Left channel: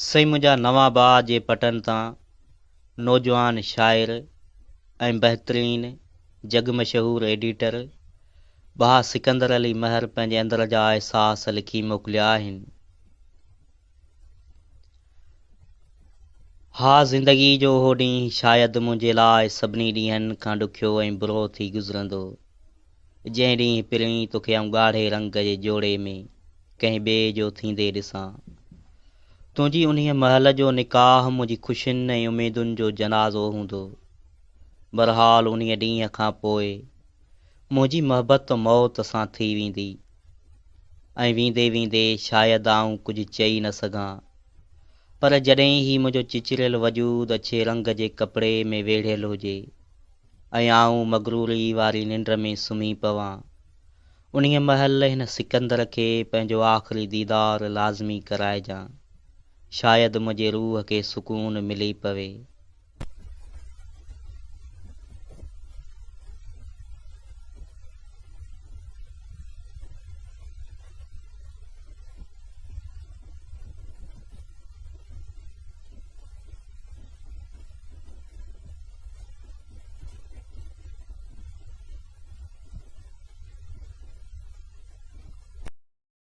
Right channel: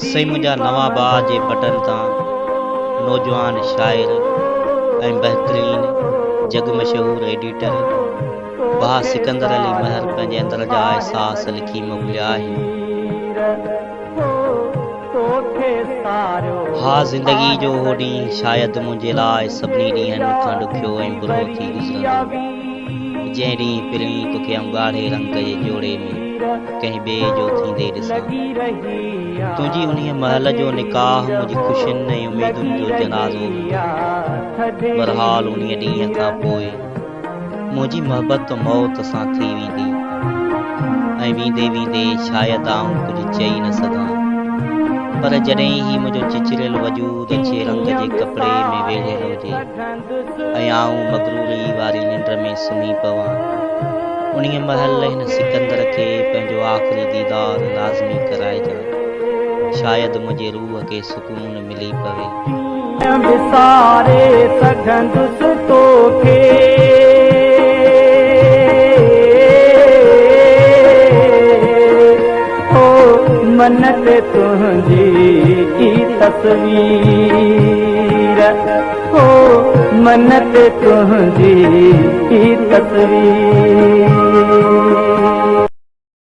सही मुंहिंजा नवां बाज़ जे पटनि तां नौजवान शाइर ऐं बहितरीन जग मशहूर एडिटर भाउ सिकंदर अली महर पंहिंजे अंदर जा अहसास लिखी मोकिलिया आहिनि। हा ज़िंदगी जो उहो ॾींहुं शायदि मुंहिंजे लाइ सभिनी ॾींहंनि खां ॾुखियो ऐं बुरो थी गुज़रंदो, जंहिं ॾींहुं पहिरीं तोखे आऊं ॻाढ़े रंग जे जोड़े में कंहिं ॿिए जो थींदे ॾिसां। तुंहिंजी उन्हीअ महल जो निकाह मुंहिंजी ख़ुशियुनि ऐं उमेदुनि जो जनाज़ो हूंदो। बहरहाल उन्हीअ ॾींहं खां पोइ मुंहिंजी मोहबत मौत सां थी वेंदी ऐं वेंदे वेंदे शायदि आऊं कुझु चई न सघां, पर जॾहिं ही मुंहिंजो चिचरियल वजूद अछे रंग जे कपिड़े में वेढ़ियल हुजे ऐं आऊं मगरूरी वारी निंड में सुम्ही पवां, उन्हीअ महल हिन सिकंदर खे पंहिंजो आख़िरी दीदार लाज़मी कराइजां। शायदि मुंहिंजे रूह खे सुकून मिली पवे। विसारे सघंदुसि तोखे मन ते तुंहिंजी तस्वीर, हो मन ते तुंहिंजी तस्वीर।